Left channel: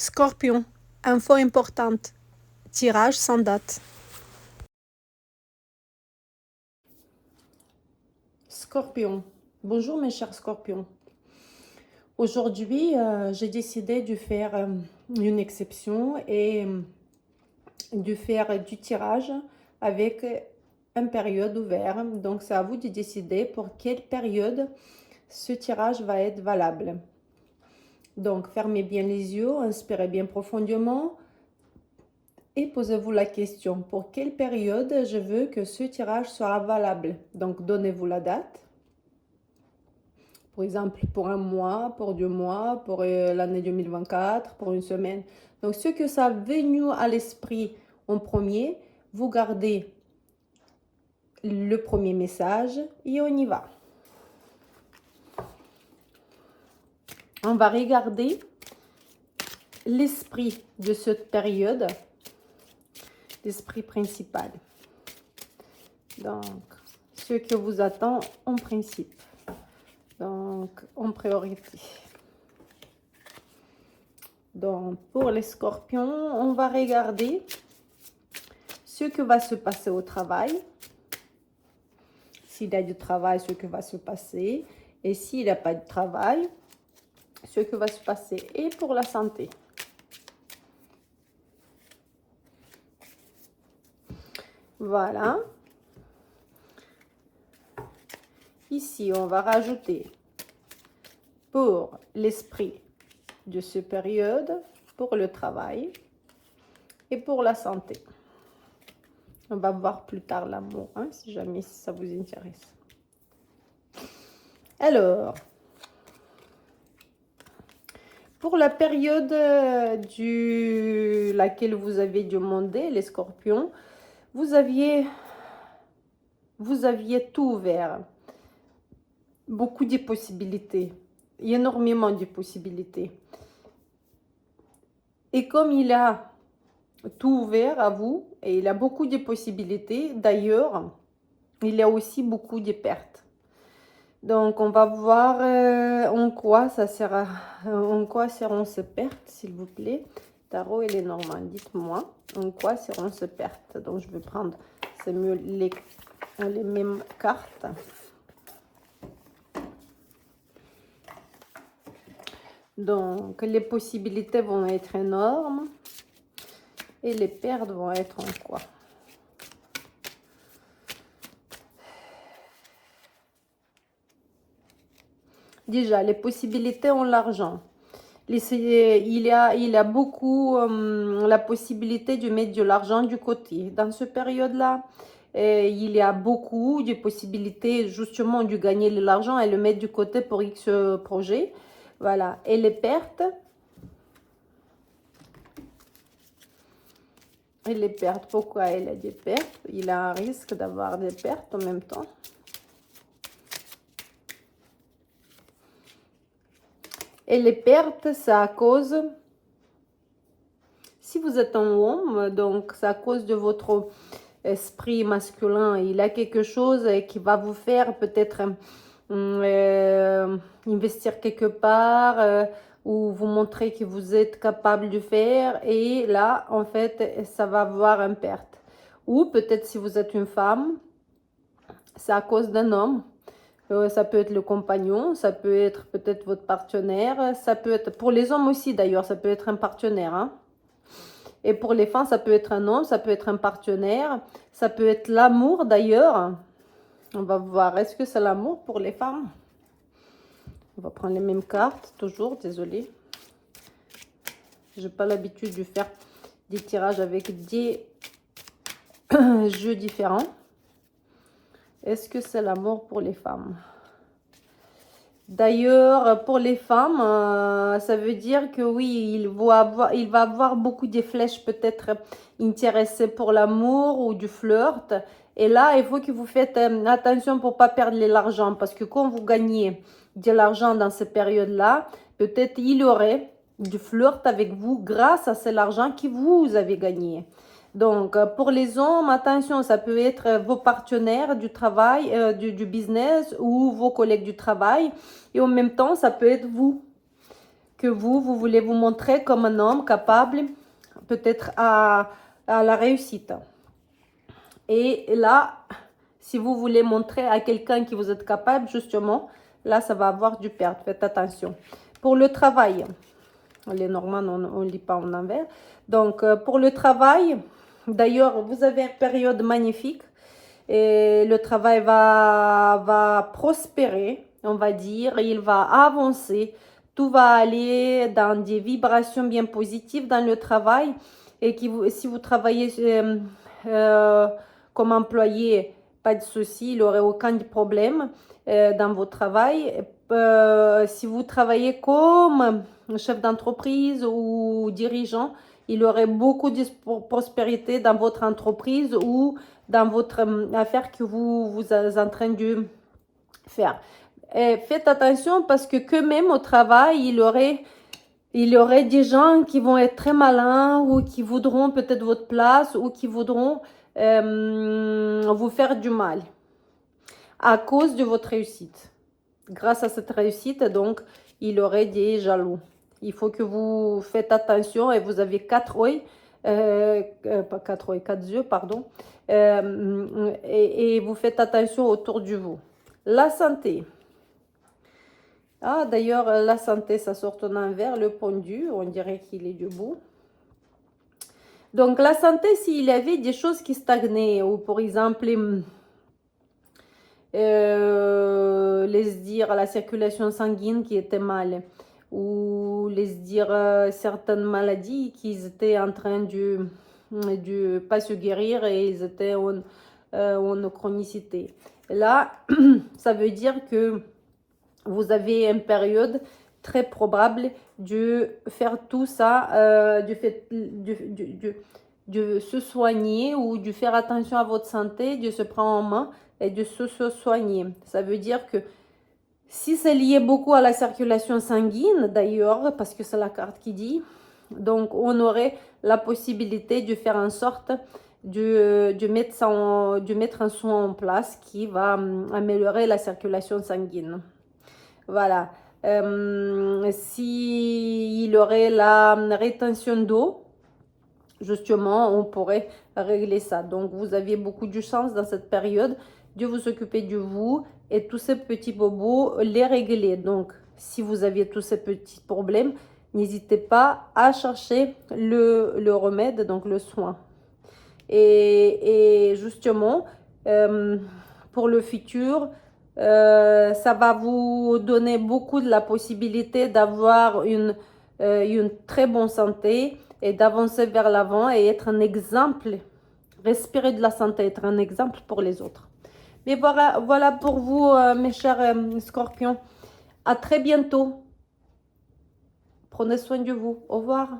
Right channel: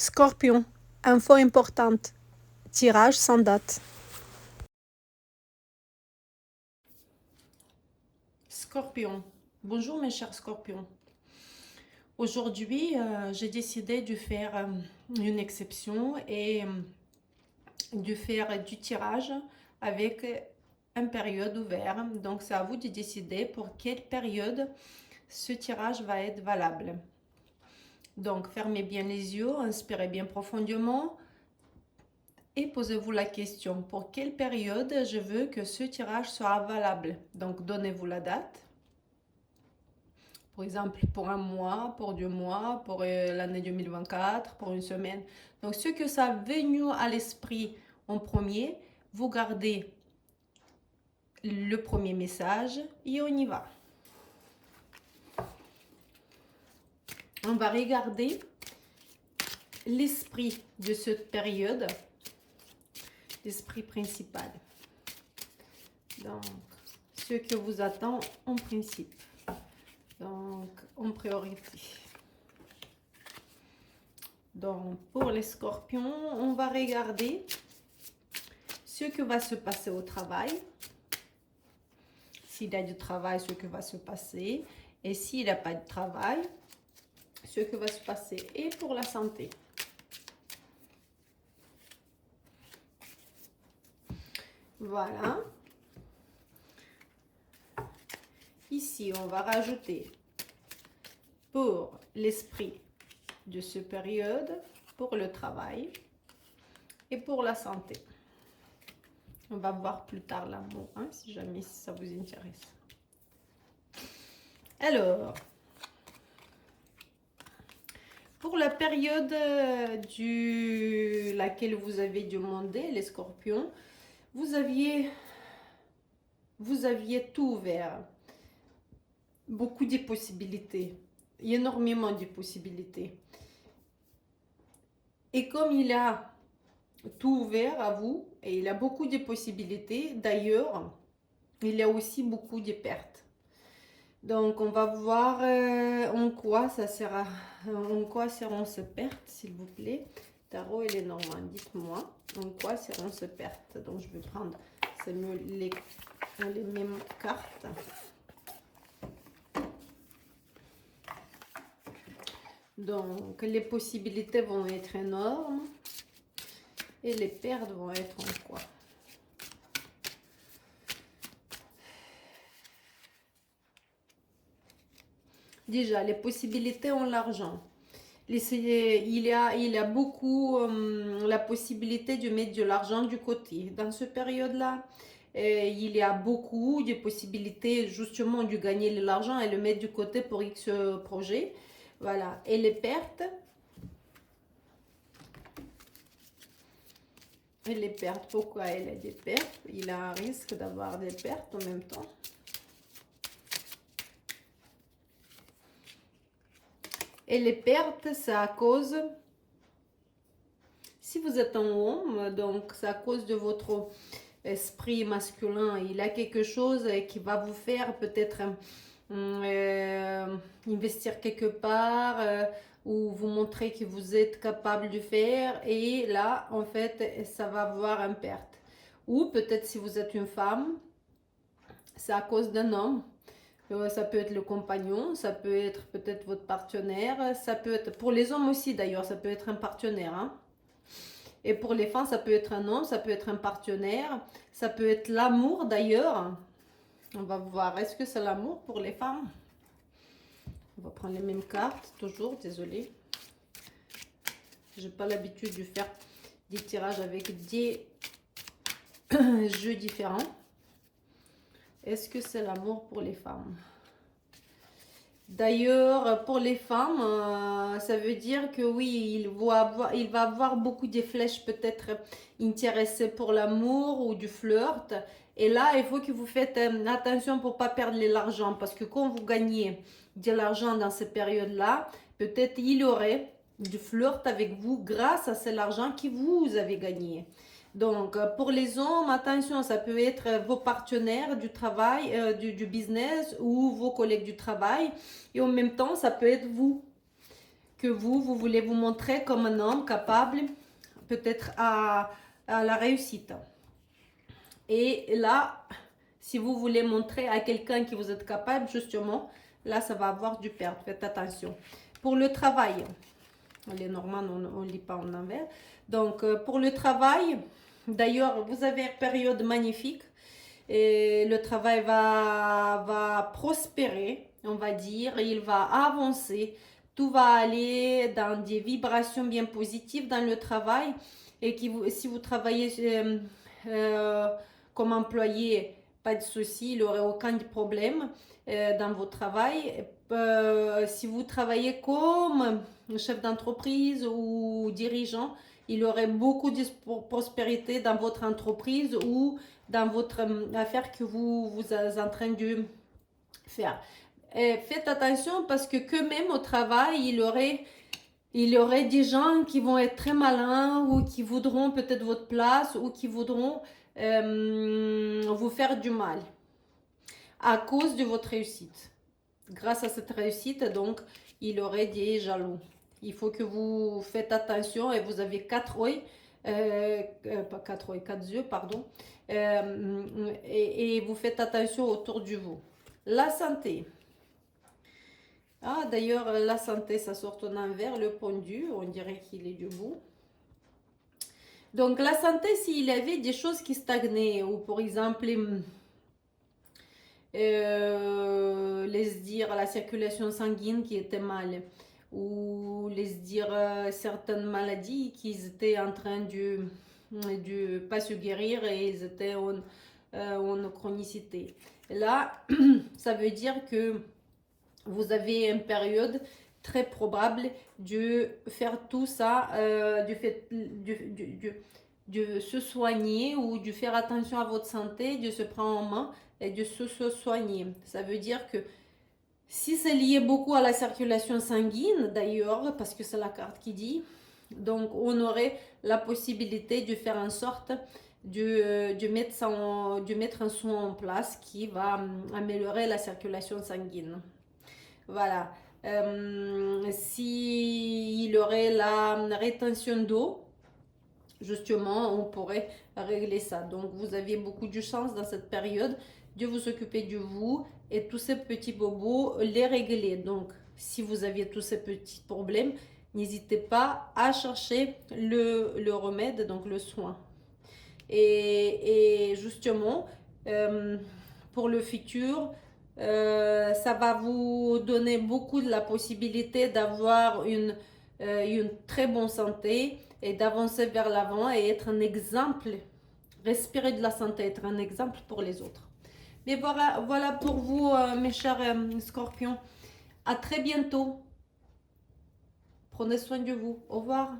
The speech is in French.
Scorpion, info importante. Tirage sans date. Scorpion. Bonjour mes chers scorpions. Aujourd'hui, j'ai décidé de faire une exception et de faire du tirage avec une période ouverte. Donc c'est à vous de décider pour quelle période ce tirage va être valable. Donc fermez bien les yeux, inspirez bien profondément et posez-vous la question pour quelle période je veux que ce tirage soit valable. Donc donnez-vous la date. Par exemple, pour un mois, pour 2 mois, pour l'année 2024, pour une semaine. Donc, ce que ça a venu à l'esprit en premier, vous gardez le premier message et on y va. On va regarder l'esprit de cette période, l'esprit principal. Donc, ce que vous attend en principe. Donc, en priorité. Donc, pour les scorpions, on va regarder ce que va se passer au travail. S'il y a du travail, ce que va se passer. Et s'il n'y a pas de travail, ce que va se passer. Et pour la santé. Voilà. Ici, on va rajouter pour l'esprit de cette période, pour le travail et pour la santé. On va voir plus tard l'amour, hein, si jamais ça vous intéresse. Alors, pour la période laquelle vous avez demandé, les scorpions, vous aviez tout ouvert. Beaucoup de possibilités. Énormément de possibilités. Et comme il a tout ouvert à vous, et il a beaucoup de possibilités, d'ailleurs, il y a aussi beaucoup de pertes. Donc, on va voir en quoi ça sera, en quoi seront ces pertes, s'il vous plaît. Tarot et les Normands, dites-moi en quoi seront ces pertes. Donc, je vais prendre, c'est mieux, les mêmes cartes. Donc, les possibilités vont être énormes et les pertes vont être en quoi? Déjà, les possibilités ont l'argent. Il y a beaucoup la possibilité de mettre de l'argent du côté. Dans cette période-là, il y a beaucoup de possibilités justement de gagner de l'argent et le mettre du côté pour X projet. Voilà. Et les pertes. Et les pertes, pourquoi il a des pertes? Il a un risque d'avoir des pertes en même temps. Et les pertes, c'est à cause, si vous êtes un homme, donc c'est à cause de votre esprit masculin. Il a quelque chose qui va vous faire peut-être investir quelque part ou vous montrer que vous êtes capable de faire. Et là, en fait, ça va avoir une perte. Ou peut-être si vous êtes une femme, c'est à cause d'un homme. Ça peut être le compagnon, ça peut être peut-être votre partenaire, ça peut être, pour les hommes aussi d'ailleurs, ça peut être un partenaire. Hein. Et pour les femmes, ça peut être un homme, ça peut être un partenaire, ça peut être l'amour d'ailleurs. On va voir, est-ce que c'est l'amour pour les femmes? On va prendre les mêmes cartes, toujours, désolée. Je n'ai pas l'habitude de faire des tirages avec des jeux différents. Est-ce que c'est l'amour pour les femmes? D'ailleurs, pour les femmes, ça veut dire que oui, il va avoir beaucoup de flèches peut-être intéressées pour l'amour ou du flirt. Et là, il faut que vous faites attention pour ne pas perdre de l'argent. Parce que quand vous gagnez de l'argent dans cette période-là, peut-être il y aurait du flirt avec vous grâce à cet argent que vous avez gagné. Donc, pour les hommes, attention, ça peut être vos partenaires du travail, du business ou vos collègues du travail. Et en même temps, ça peut être vous. que vous voulez vous montrer comme un homme capable, peut-être à la réussite. Et là, si vous voulez montrer à quelqu'un que vous êtes capable, justement, là, ça va avoir du perte. Faites attention. Pour le travail, les normands, on ne lit pas en envers. Donc, pour le travail, d'ailleurs, vous avez une période magnifique. Et le travail va prospérer, on va dire. Il va avancer. Tout va aller dans des vibrations bien positives dans le travail. Et si vous travaillez comme employé, pas de souci, il n'aurait aucun problème dans votre travail. Si vous travaillez comme chef d'entreprise ou dirigeant, il y aurait beaucoup de prospérité dans votre entreprise ou dans votre affaire que vous êtes en train de faire. Et faites attention parce que même au travail, il y aurait des gens qui vont être très malins ou qui voudront peut-être votre place ou qui voudront vous faire du mal à cause de votre réussite. Grâce à cette réussite, donc, il y aurait des jaloux. Il faut que vous faites attention et vous avez 4 œils, pas 4 œils, 4 yeux, pardon, et vous faites attention autour de vous. La santé. Ah, d'ailleurs, la santé, ça sort en envers, le pendu, on dirait qu'il est debout. Donc, la santé, s'il y avait des choses qui stagnaient, ou par exemple, les dire la circulation sanguine qui était mal, ou les dire certaines maladies qui étaient en train de pas se guérir et ils étaient en chronicité. Là, ça veut dire que vous avez une période très probable de faire tout ça, de se soigner ou de faire attention à votre santé, de se prendre en main et de se soigner. Ça veut dire que si c'est lié beaucoup à la circulation sanguine, d'ailleurs, parce que c'est la carte qui dit, donc on aurait la possibilité de faire en sorte de mettre un soin en place qui va améliorer la circulation sanguine. Voilà. S'il y aurait la rétention d'eau, justement, on pourrait régler ça. Donc, vous avez beaucoup de chance dans cette période de vous occuper de vous et tous ces petits bobos, les régler. Donc, si vous avez tous ces petits problèmes, n'hésitez pas à chercher le remède, donc le soin. Et justement, pour le futur, ça va vous donner beaucoup de la possibilité d'avoir une très bonne santé et d'avancer vers l'avant et être un exemple, respirer de la santé, être un exemple pour les autres. Mais voilà pour vous, mes chers scorpions. À très bientôt. Prenez soin de vous. Au revoir.